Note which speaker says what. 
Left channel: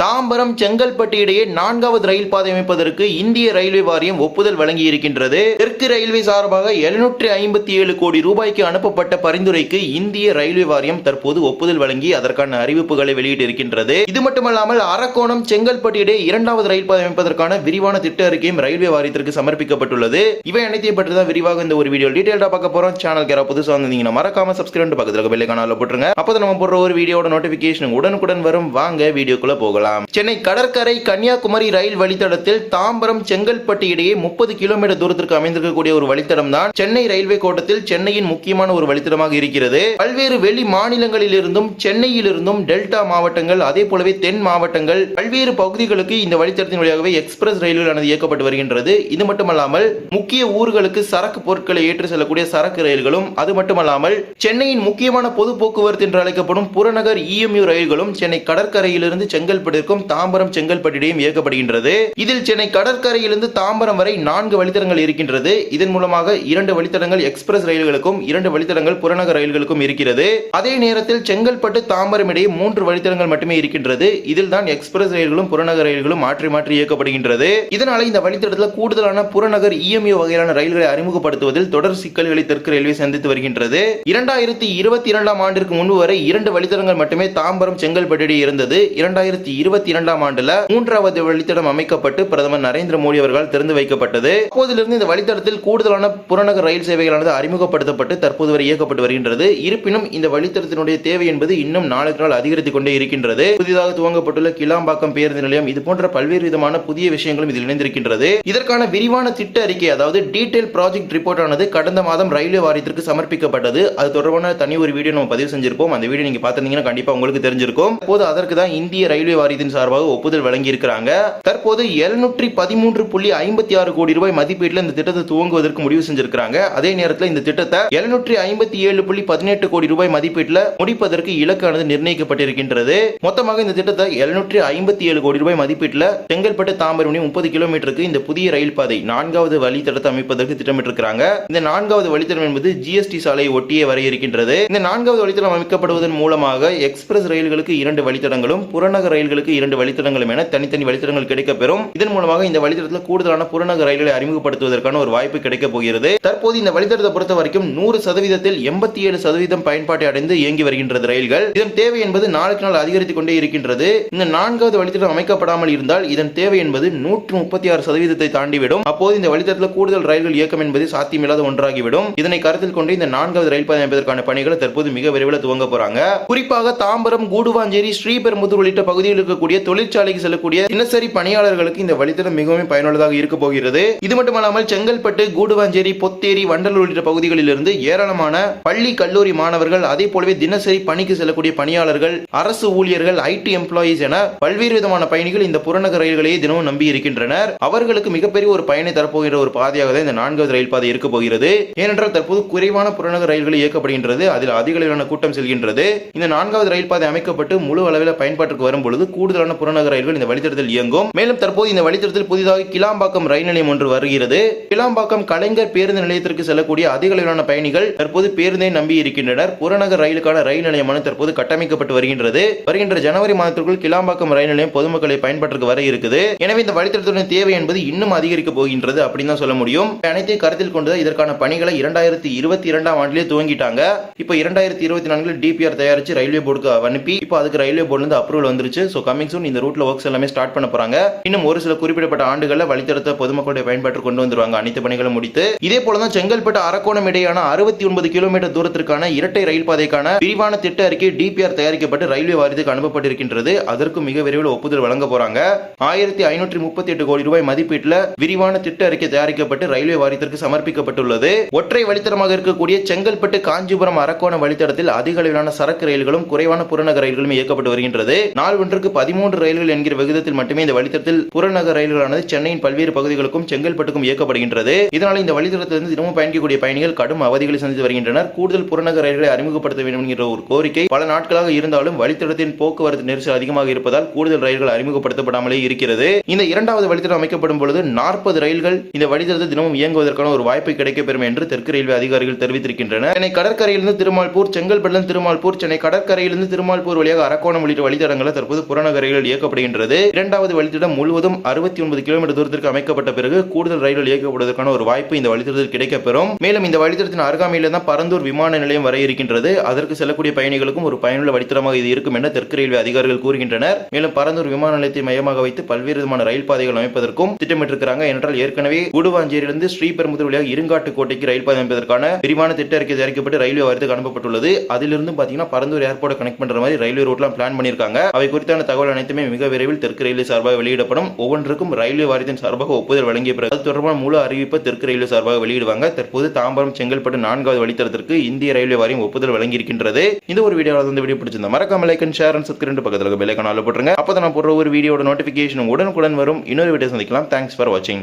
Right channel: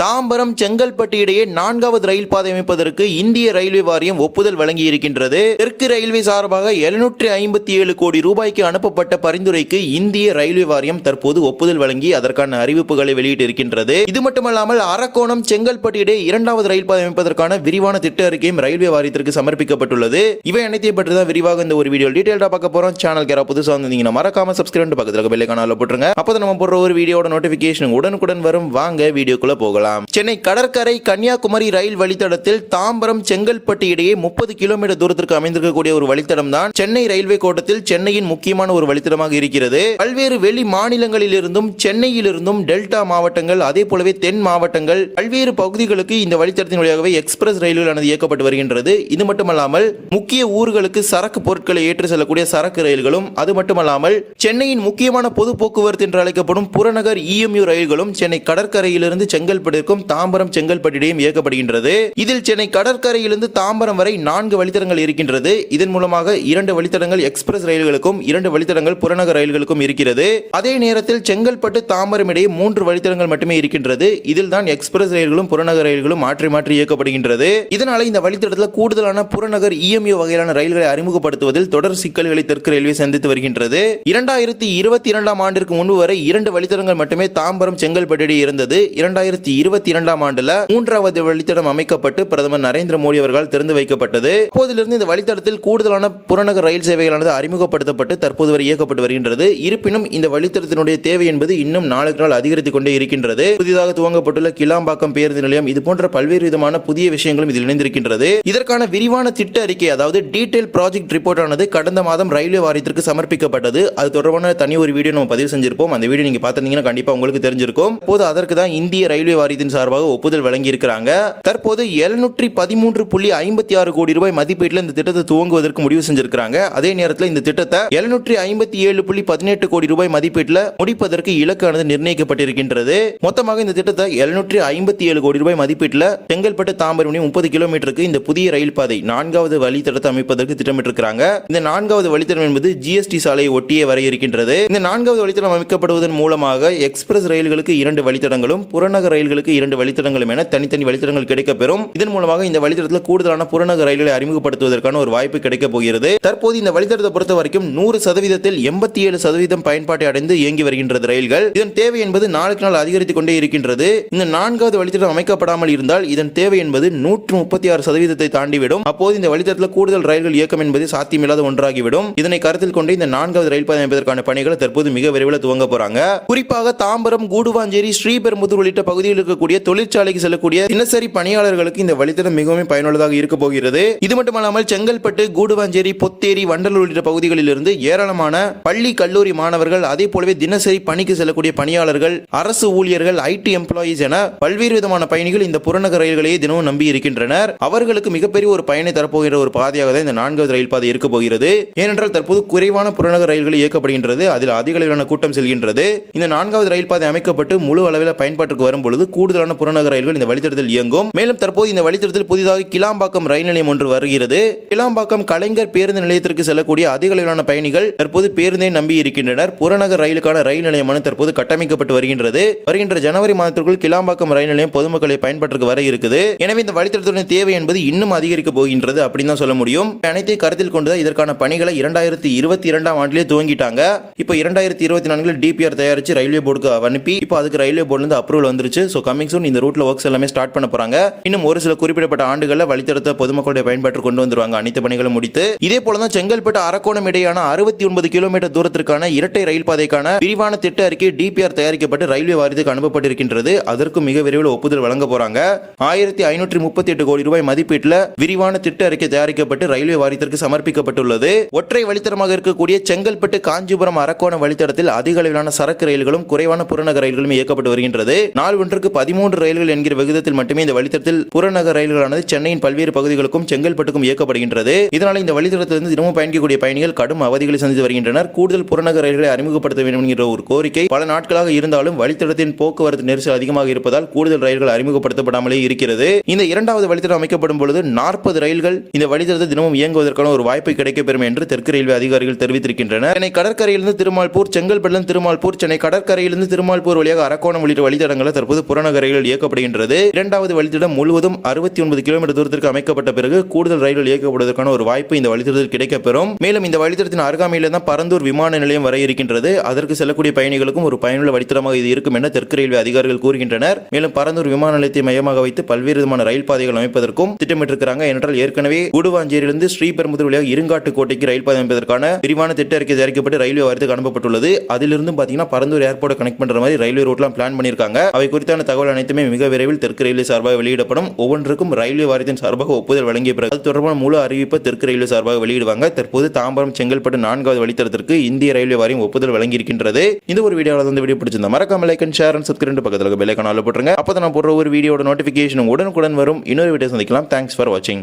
Speaker 1: தாம்பரம் செங்கல்பட்டு இடையே நான்காவது ரயில் பாதை அமைப்பதற்கு இந்திய ரயில்வே வாரியம் ஒப்புதல் வழங்கி இருக்கின்றது தெற்கு ரயில்வே சார்பாக எழுநூற்றி ஐம்பத்தி ஏழு கோடி ரூபாய்க்கு அனுப்பப்பட்ட பரிந்துரைக்கு இந்திய ரயில்வே வாரியம் தற்போது ஒப்புதல் வழங்கி அதற்கான அறிவிப்புகளை வெளியிட்டிருக்கின்றது. இது மட்டுமல்லாமல் அரக்கோணம் செங்கல்பட்டு இடையே இரண்டாவது ரயில் பாதை அமைப்பதற்கான விரிவான திட்ட அறிக்கையும் ரயில்வே வாரியத்திற்கு சமர்ப்பிக்கப்பட்டுள்ளது. இவை அனைத்தையும் பற்றி தான் விரிவாக இந்த ஒரு வீடியோ டீடைல்டா பார்க்க போறோம். சேனல் கேரா புதுசாக வந்தீங்கன்னா மறக்காம சப்ஸ்கிரைப் பக்கத்தில் பெல்லை காணால போட்டுருங்க. அப்போ நம்ம போடுற ஒரு வீடியோட நோட்டிபிகேஷன் உடனுக்குடன் வரும். வாங்க வீடியோக்குள்ள போகலாம். சென்னை கடற்கரை கன்னியாகுமரி ரயில் வழித்தடத்தில் தாம்பரம் செங்கல்பட்டு இடையே முப்பது கிலோமீட்டர் தூரத்திற்கு அமைந்திருக்கக்கூடிய ஒரு வழித்தடம் தான் சென்னை ரயில்வே கோட்டத்தில் சென்னையின் முக்கியமான ஒரு வழித்தடமாக இருக்கிறது. பல்வேறு வெளி மாநிலங்களில் இருந்தும் சென்னையில் இருந்தும் டெல்டா மாவட்டங்கள் அதே போலவே தென் மாவட்டங்கள் பல்வேறு பகுதிகளுக்கு இந்த வழித்தடத்தின் வழியாகவே எக்ஸ்பிரஸ் ரயில்களானது இயக்கப்பட்டு வருகின்றது. இது மட்டுமல்லாமல் முக்கிய ஊர்களுக்கு சரக்கு பொருட்களை ஏற்றி செல்லக்கூடிய சரக்கு ரயில்களும் அது மட்டுமல்லாமல் சென்னையின் முக்கியமான பொது போக்குவரத்து என்று அழைக்கப்படும் புறநகர் இஎம்யூ ரயில்களும் சென்னை கடற்கரையிலிருந்து செங்கல்பட்டு செங்கல்பட்டிற்கும் தாம்பரம் செங்கல்பட்டிடையும் இயக்கப்படுகின்றது. இதில் சென்னை கடற்கரையிலிருந்து தாம்பரம் வரை நான்கு வழித்தடங்கள் இருக்கின்றது. இதன் மூலமாக இரண்டு வழித்தடங்கள் எக்ஸ்பிரஸ் ரயில்களுக்கும் இரண்டு வழித்தடங்கள் புறநகர் ரயில்களுக்கும் இருக்கிறது. அதே நேரத்தில் செங்கல்பட்டு தாம்பரம் இடையே மூன்று வழித்தடங்கள் மட்டுமே இருக்கின்றது. இதில் தான் எக்ஸ்பிரஸ் ரயில்களும் புறநகர் ரயில்களும் மாற்றி மாற்றி இயக்கப்படுகின்றது. இதனால இந்த வழித்தடத்தில் கூடுதலான புறநகர் இஎம்யூ வகையிலான ரயில்களை அறிமுகப்படுத்துவதில் தொடர் சிக்கல்களை தெற்கு ரயில்வே சந்தித்து வருகின்றது. இரண்டாயிரத்தி இருபத்தி இரண்டாம் ஆண்டிற்கு முன்பு வரை இரண்டு வழித்தடங்கள் மட்டுமே தாம்பரம் செங்கல்பட்டு இருந்தது. இரண்டாயிரத்தி இருபத்தி இரண்டாம் ஆண்டுல மூன்றாவது வழித்தடம் அமைக்கப்பட்டு பிரதமர் நரேந்திர மோடி அவர்களால் திறந்து வைக்கப்பட்டது. அப்போதிலிருந்து இந்த வழித்தடத்தில் கூடுதலான புறநகர் ரயில் சேவைகளானது அறிமுகப்படுத்தப்பட்டு தற்போது வரை இயக்கப்பட்டு வருகின்றது. இருப்பினும் இந்த வழித்தடத்தினுடைய தேவை என்பது இன்னும் நாளுக்கு நாள் அதிகரித்துக் கொண்டே இருக்கின்றது. புதிதாக துவங்கப்பட்டுள்ள கிளாம்பாக்கம் பேருந்து நிலையம் இது போன்ற பல்வேறு விதமான புதிய விஷயங்களும் இதில் இணைந்திருக்கின்றது. இதற்கான விரிவான திட்ட அறிக்கை அதாவது டீடைல் ப்ராஜெக்ட் ரிப்போர்ட் ஆனது கடந்த மாதம் ரயில்வே வாரியத்திற்கு சமர்ப்பிக்கப்பட்டது. அது தொடர்பான தனி ஒரு வீடியோ நம்ம பதிவு செஞ்சிருப்போம். அந்த வீடியோ நீங்க பார்த்திருந்தீங்கன்னா கண்டிப்பா உங்களுக்கு தெரிஞ்சிருக்கும். போது அதற்கு தான் இந்திய ரயில்வே வாரியத்தின் வாரியத்தின் சார்பாக ஒப்புதல் வழங்கியிருக்கிறாங்க. தற்போது எழுநூற்றி பதிமூன்று புள்ளி ஐம்பத்தி ஆறு கோடி ரூபாய் மதிப்பீட்டில் இந்த திட்டத்தை துவங்குவதற்கு முடிவு செஞ்சிருக்கிறாங்க. அதே நேரத்தில் இந்த திட்டத்தை எழுநூற்றி ஐம்பத்தி ஏழு புள்ளி பதினெட்டு கோடி ரூபாய் மதிப்பீட்டில் முடிப்பதற்கு இலக்கானது நிர்ணயிக்கப்பட்டிருக்கின்றது. மொத்தமாக இந்த திட்டத்தை எழுநூற்றி ஐம்பத்தி ஏழு கோடி ரூபாய் மதிப்பீட்டில் செங்கல்பட்டு தாம்பரம் முப்பது கிலோமீட்டருக்கு இந்த புதிய ரயில் பாதை நான்காவது வழித்தடத்தை அமைப்பதற்கு திட்டமிட்டிருக்கிறாங்க. இந்த நான்காவது வழித்தடம் என்பது ஜிஎஸ்டி சாலையை ஒட்டியே வர இருக்கின்றது இந்த நான்காவது வழித்தடம் அமைக்கப்படுவதன் மூலமாக எக்ஸ்பிரஸ் ரயில்களுக்கு இரண்டு வழித்தடங்களும் புறநகர் ரயில்களுக்கு இரண்டு வழித்தடங்களும் என தனித்தனி வழித்தடங்கள் கிடைக்கப்பெறும் இதன் மூலமாக இந்த வழித்தடத்தில் கூடுதலான புறநகர் ரயில்களை அறிமுகப்படுத்துவதற்கான ஒரு வாய்ப்பு கிடைக்கப் போகிறது. தற்போது இந்த வழித்தடத்தை பொறுத்த வரைக்கும் நூறு சதவீதத்தில் எண்பத்தி ஏழு சதவீதம் பயன்பாட்டை அடைந்து இயங்கி வருகின்றது ரயில்கள். இதன் தேவை என்பது நாளுக்கு நாள் அதிகரித்துக் கொண்டே இருக்கின்றது. இந்த நான்காவது வழித்தடம் அமைக்கப்படாமல் இருந்தால் இதன் தேவை என்பது நூற்று முப்பத்தி ஆறு சதவீதத்தை தாண்டிவிடும். அப்போது இந்த வழித்தடத்தில் கூடுதல் ரயில்கள் இயக்கம் என்பது சாத்தியமில்லாத ஒன்றாகிவிடும். இதனை கருத்தில் கொண்டு இந்த நான்காவது ரயில் பாதை அமைப்பதற்கான பணிகளை தற்போது மிக விரைவில் துவங்க போறாங்க. குறிப்பாக தாம்பரம் கூடுவாஞ்சேரி ஸ்ரீபெரும்புதூர் உள்ளிட்ட பகுதிகளுக்கு இருக்கக்கூடிய தொழிற்சாலைக்கு செல்லக்கூடிய தினசரி பணியாளர்களுக்கு இந்த வழித்தடம் மிகவும் பயனுள்ளதாக இருக்க போகிறது. இது மட்டுமல்லாமல் செங்கல்பட்டு கூடுவாஞ்சேரி பொத்தேரி வண்டலூர் உள்ளிட்ட பகுதிகளில் இருந்து ஏராளமான பள்ளி கல்லூரி மாணவர்கள் அதே போலவே தினசரி பணிக்கு செல்லக்கூடிய பணியாளர்கள் அரசு ஊழியர்கள் ஐடி எம்ப்ளாயீஸ் என பல்வேறு விதமான பயணிகள் இந்த புறநகர் ரயில்களையே தினமும் நம்பி இருக்கின்றனர். அவர்களுக்கு மிகப்பெரிய ஒரு பயனை தரப்போகிற ஒரு பாதையாக தான் இந்த நான்காவது ரயில் பாதை இருக்க போகிறது. ஏனென்றால் தற்போது குறைவான புறநகர் ரயில்கள் இயக்கப்படுகின்றது. அதில் அதிக அளவிலான கூட்டம் செல்கின்றது. இந்த நான்காவது ரயில் பாதை அமைக்கப்பட்டு முழு அளவில் பயன்பாட்டுக்கு வரும் பொழுது கூடுதலான புறநகர் ரயில்கள் இந்த வழித்தடத்தில் இயங்கும். மேலும் தற்போது இந்த வழித்தடத்தில் புதிதாக கிளாம்பாக்கம் ரயில் நிலையம் ஒன்று வருகிறது. கிளாம்பாக்கம் கலைஞர் பேருந்து நிலையத்திற்கு செல்லக்கூடிய அதிக அளவிலான பயணிகள் தற்போது பேருந்தை நம்பி இருக்கின்றனர். புறநகர் ரயிலுக்கான ரயில் நிலையமான தற்போது கட்டமைக்கப்பட்டு வருகின்றது. வருகின்ற ஜனவரி மாதத்திற்குள் கிளாம்பாக்கம் ரயில் நிலையம் பொதுமக்களை பயன்பாட்டிற்கு வர இருக்குது. எனவே இந்த வழித்தடத்துடன் தேவை என்பது இன்னும் அதிகரிக்க போகின்றது அப்படின்னு தான் சொல்ல முடியும். அனைத்தையும் கருத்தில் கொண்டு இதற்கான பணிகளை இரண்டாயிரத்தி இருபத்தி இரண்டாம் ஆண்டிலே துவங்கிட்டாங்க. இப்போ இரண்டாயிரத்தி இருபத்தி நான்கில் டிபிஆர் தயாரிச்சு ரயில்வே போர்டுக்கு அனுப்பி இப்போ அதுக்கு ரயில்வே போர்டு அப்ரூவல் வந்துருச்சு. ஸோ கம்மிங் சூன் இந்த ரூட்ல ஒர்க்ஸ் எல்லாமே ஸ்டார்ட் பண்ண போறாங்க. இன்னும் ஒரு சில குறிப்பிடப்பட்ட ஆண்டுகளில் வழித்தடத்தை பொதுமக்களுடைய பயன்பாட்டு கொண்டு வந்துருவாங்க. அனைத்து பணிகளும் முடித்து இதே போலதான் செங்கல்பட்டு அரக்கோணம் இடையான அறுபத்தி ஒன்பது கிலோமீட்டர் தூரத்திற்கான இரட்டை ரயில் பாதைக்கான விரிவான திட்ட அறிக்கை டிபிஆர் தயாரிக்கப்பட்டு ரயில்வே வாரியத்துக்கு அனுப்பப்பட்டிருக்கின்றது. அதற்கு மிக விரைவில் ஒப்புதல் வழங்க போறாங்க. ஆயிரத்தி ஐநூற்றி முப்பத்தி எட்டு கோடி ரூபாய் மதிப்பீட்டில் விரிவான திட்ட அறிக்கை தயாரிக்கப்பட்டு ரயில்வே வாரியத்திற்கு சமர்ப்பிக்கப்பட்டுள்ளது. ஒற்றை வழித்தடமாக இருக்கக்கூடிய செங்கல்பட்டு காஞ்சிபுரம் அரக்கோணம் வழித்தடத்தில் அதிக அளவிலான சரக்கு ரயில்களும் குறைவான புறநகர் ரயில்களும் இயக்கப்பட்டு வருகின்றது. நாள் ஒன்றுக்கு பதிமூன்று ரயில்கள் என்கிற விகிதத்தில் மட்டுமே இந்த வழித்தடத்தில் புறநகர் ரயில்களானது சென்னையின் பல்வேறு பகுதிகளுக்கும் செங்கல்பட்டுக்கும் இயக்கப்படுகின்றது. இதனால் இந்த வழித்தடத்திலிருந்து தினமும் பயணிக்கக்கூடிய பயணிகள் கடும் அவதிகளை சந்தித்து வருகின்றனர். கூடுதல் புறநகர் ரயில்களை அறிமுகப்படுத்த வேண்டும் என்கிற ஒரு கோரிக்கை. பல நாட்களாக இருந்தாலும் வழித்தடத்தின் போக்குவரத்து நெரிசல் அதிகமாக இருப்பதால் கூடுதல் ரயில்கள் அறிமுகப்படுத்தப்படாமலே இருக்கிறது. இந்த இரண்டாவது வழித்தடம் அமைக்கப்படும் பொழுது நாற்பது ரயில்கள் இந்த வழித்தடத்தில் தினமும் இயங்குவதற்கான ஒரு வாய்ப்பு கிடைக்கப்பெறும் என்று தெற்கு ரயில்வே அதிகாரிகள் தெரிவித்திருக்கின்றனர். சென்னை கடற்கரையிலிருந்து திருமால்பூர் செங்கல்பட்டு திருமால்பூர் சென்னை கடற்கரையிலிருந்து திருமால்பூர் வழியாக அரக்கோணம் உள்ளிட்ட வழித்தடங்களை தற்போது புறநகர் மாநகர இயக்கப்படுகின்றது. இரண்டாவது வழித்தடம் முழுவதும் அறுபத்தி ஒன்பது கிலோமீட்டர் தூரத்திற்கு அமைக்கப்பட்ட பிறகு கூடுதல் ரயில்கள் இயக்கப்படுவதற்கான ஒரு வாய்ப்பு இந்த வழித்தடத்தில் கிடைக்கப்பெறும். மேலும் இந்த வழித்தடத்தின் அருகாமையில் தான் பரந்தூர் விமான நிலையம் வர இருக்கின்றது. அதற்கு செல்லக்கூடிய பயணிகளுக்கும் ஒரு பயனுள்ள வழித்தடமாக இது இருக்கும் என தெற்கு ரயில்வே அதிகாரிகள் கூறுகின்றனர். மேலும் பரந்தூர் விமான நிலையத்தை மையமாக வைத்து பல்வேறு விதமான ரயில் பாதைகள் அமைப்பதற்கும் திட்டமிட்டிருக்கிறாங்க. என்றால் ஏற்கனவே குடுவாஞ்சேரியிலிருந்து ஸ்ரீபெரும்புதூர் வழியாக இருங்காட்டு கோட்டைக்கு ரயில் பாதை அமைப்பதற்கான விரிவான திட்ட அறிக்கை தயாரிக்கப்பட்டு ரயில்வே வாரியத்துக்கு அனுப்பப்பட்டுள்ளது. அதிலிருந்து பாத்தீங்கன்னா பரந்தூர் ஏர்போர்ட்டை கனெக்ட் பண்ற மாதிரி ரயில்வே ரூட்லாம் பிளான் பண்ணியிருக்காங்க. அவை குறித்தான தகவல் அனைத்துமே மிக விரைவில் தெற்கு ரயில்வே சார்பாக வெளியிடப்படும். ஒவ்வொன்றுக்கும் ரயில்வே வாரியத்தின் சார்பாக ஒப்புதல் வழங்கிய பிறகு அது தொடர்பான முழு அறிவிப்பை தெற்கு ரயில்வே சார்பாக வெளியிடுவாங்க. தற்போது தாம்பரம் செங்கல்பட்டு நான்காவது வழித்தடத்திற்கு இந்திய ரயில்வே வாரியம் ஒப்புதல் வழங்கியிருக்கின்றது. இந்த ஒரு வீடியோவில் வந்து வீடியோ பிடிச்சிருந்தா மறக்காம like and share and subscribe பக்கத்தில் பெல் ஐக்கான் ஆல் போட்டுருங்க. அப்போ நான் போடுற ஒரு வீடியோட நோட்டிஃபிகேஷன் உடனுக்குடன் வரும். இன்னொரு வீடியோ சந்திக்கலாம். தேங்க்ஸ் ஃபார் வாட்சிங்